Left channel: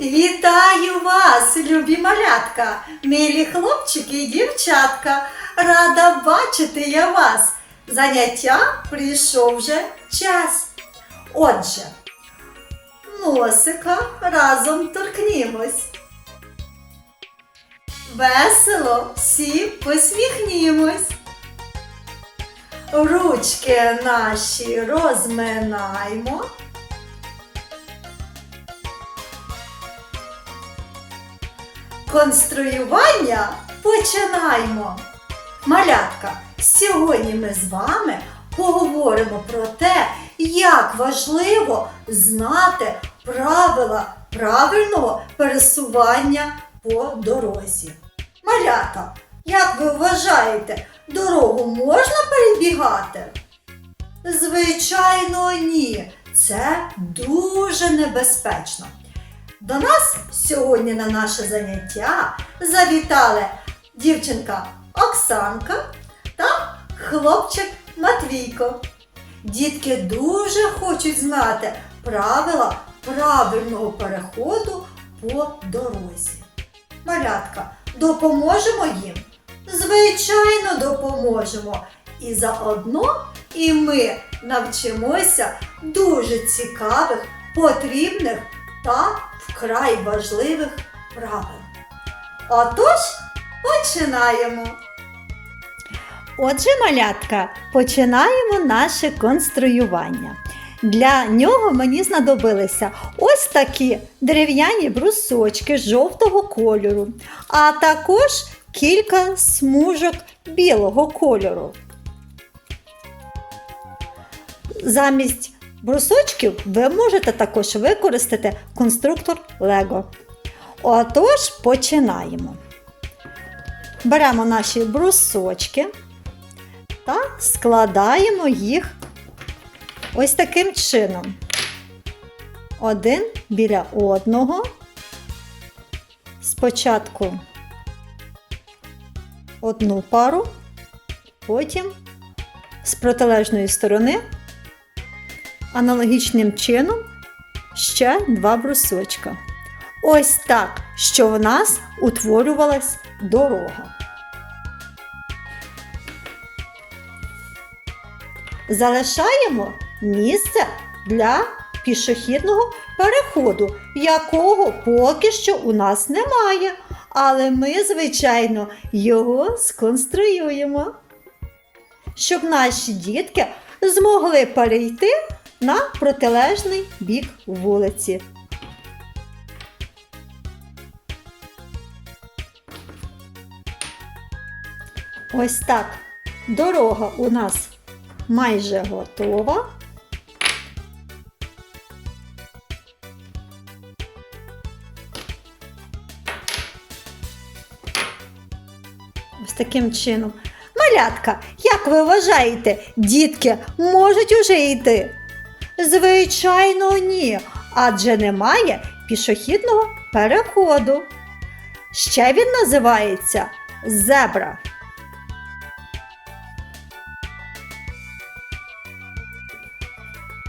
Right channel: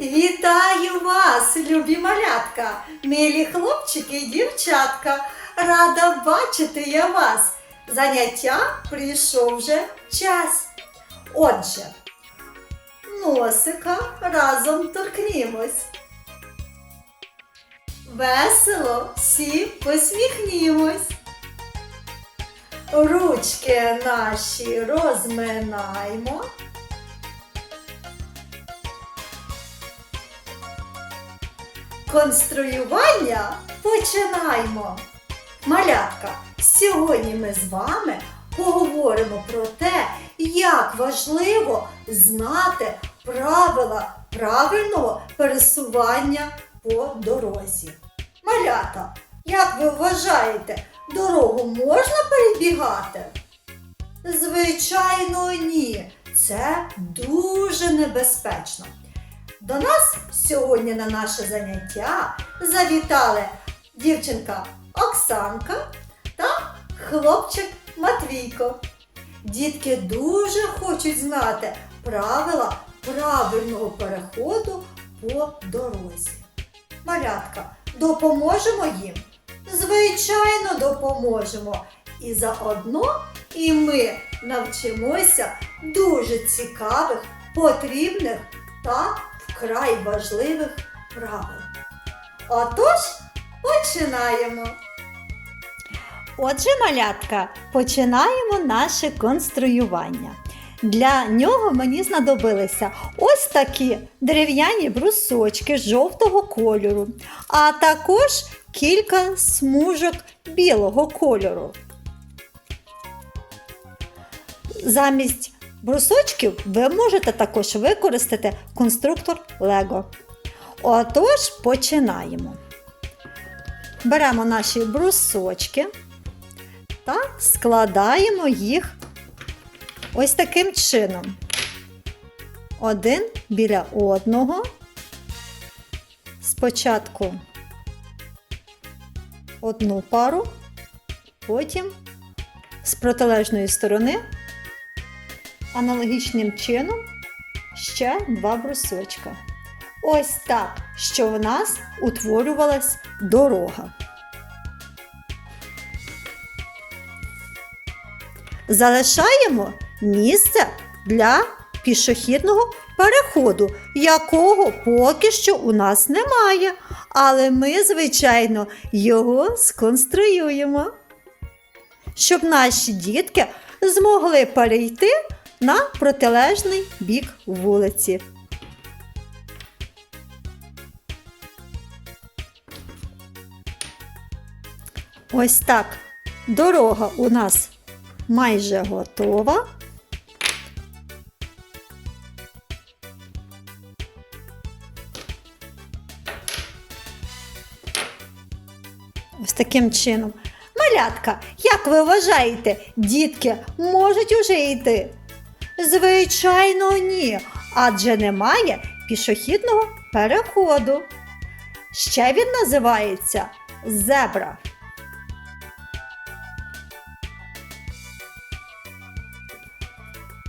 Вітаю вас, любі малятка, милі хлопчики і дівчатка. Рада бачити я вас. Заняття прийшов вже час. Отже, носика разом торкнімось. Весело всі посміхнімось. Ручки наші розминаймо. Конструювання починаємо. Малятка, сьогодні ми з вами поговоримо про те, як важливо знати правила правильного пересування по дорозі. Малята, як ви вважаєте, дорогу можна перебігати? Звичайно, ні. Це дуже небезпечно. До нас сьогодні на наше заняття завітали дівчинка Оксанка та хлопчик Матвійко. Дітки дуже хочуть знати правила правильного переходу по дорозі. Малятка, допоможемо їм? Звичайно, допоможемо. І заодно і ми навчимося дуже цікавих, потрібних та вкрай важливих правил. Отож, починаємо. Отже, малятка, починаємо наше конструювання. Для нього мені знадобилися ось такі дерев'яні брусочки жовтого кольору, а також кілька смужок білого кольору. Замість брусочків ви можете також використати конструктор Lego. Отож, починаємо. Беремо наші брусочки та складаємо їх ось таким чином. Один біля одного. Спочатку одну пару, потім з протилежної сторони аналогічним чином ще два брусочка. Ось так, що в нас утворювалась дорога. Залишаємо місце для пішохідного переходу, якого поки що у нас немає. Але ми, звичайно, його сконструюємо, щоб наші дітки змогли перейти на протилежний бік вулиці. Ось так. Дорога у нас майже готова. Ось таким чином. Малятка, як ви вважаєте, дітки можуть уже йти? Звичайно, ні, адже немає пішохідного переходу. Ще він називається зебра.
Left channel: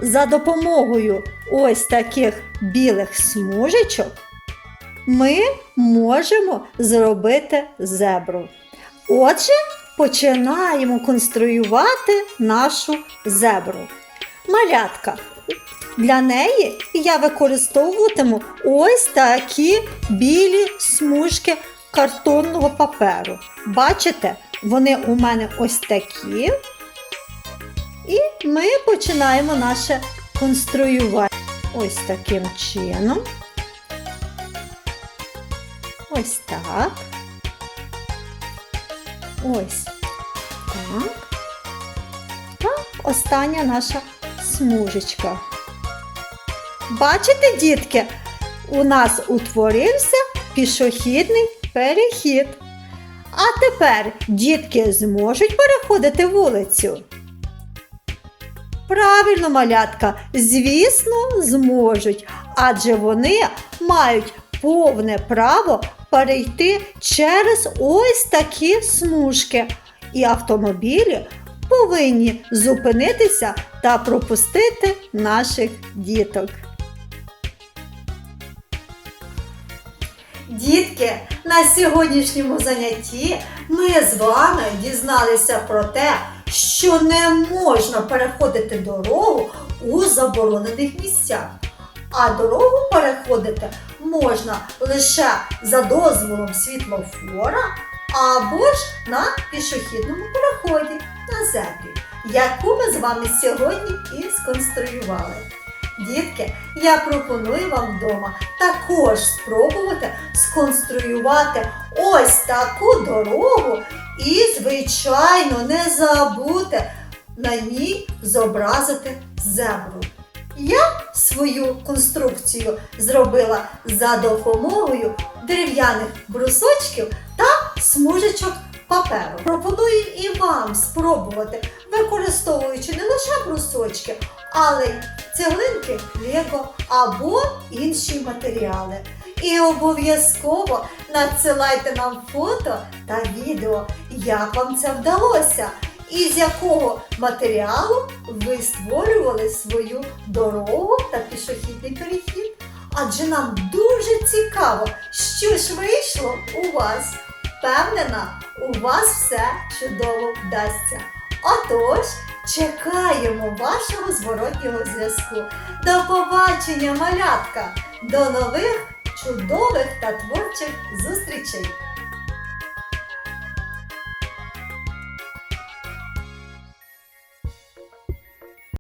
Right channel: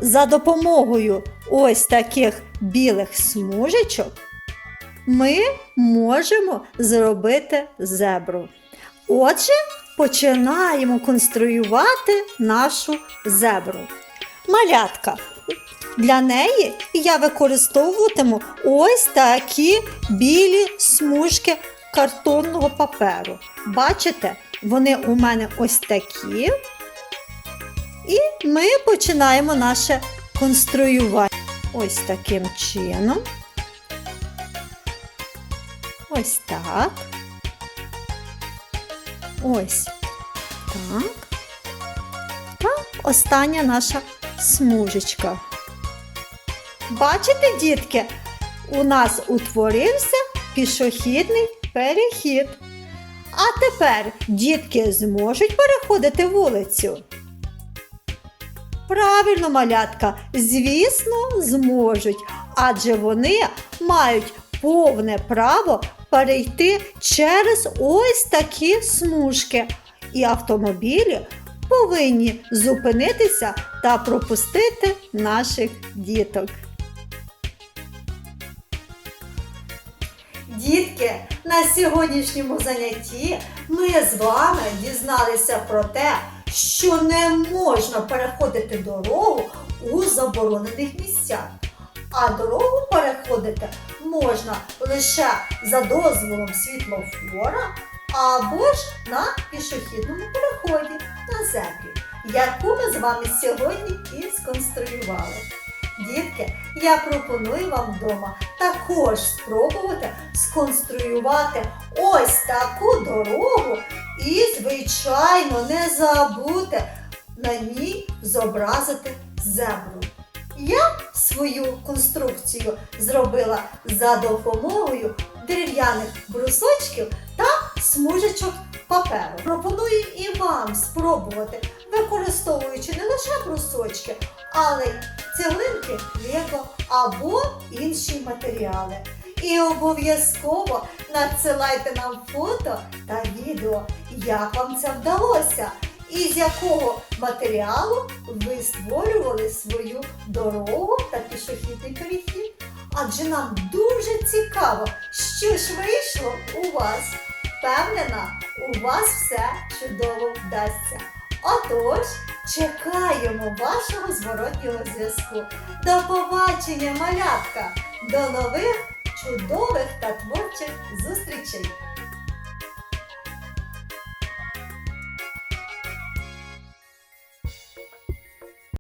За допомогою ось таких білих смужечок ми можемо зробити зебру. Отже, починаємо конструювати нашу зебру. Малятка. Для неї я використовуватиму ось такі білі смужки картонного паперу. Бачите, вони у мене ось такі. І ми починаємо наше конструювання ось таким чином. Ось так. Ось так. Та остання наша смужечка. Бачите, дітки, у нас утворився пішохідний перехід. А тепер дітки зможуть переходити вулицю. Правильно, малятка, звісно, зможуть, адже вони мають повне право перейти через ось такі смужки. І автомобілі повинні зупинитися та пропустити наших діток. Дітки, на сьогоднішньому занятті ми з вами дізналися про те, що не можна переходити дорогу у заборонених місцях. А дорогу переходити можна лише за дозволом світлофора або ж на пішохідному переході зебрі, яку ми з вами сьогодні і сконструювали. Дітки, я пропоную вам вдома також спробувати сконструювати ось таку дорогу і, звичайно, не забути на ній зобразити зебру. Я свою конструкцію зробила за допомогою дерев'яних брусочків та смужечок спробувати, використовуючи не лише брусочки, але й цеглинки, лего або інші матеріали. І обов'язково надсилайте нам фото та відео, як вам це вдалося, і з якого матеріалу ви створювали свою дорогу та пішохідний перехід. Адже нам дуже цікаво, що ж вийшло у вас. Впевнена, у вас все чудово вдасться. Отож, чекаємо вашого зворотнього зв'язку. До побачення, малятка! До нових чудових та творчих зустрічей!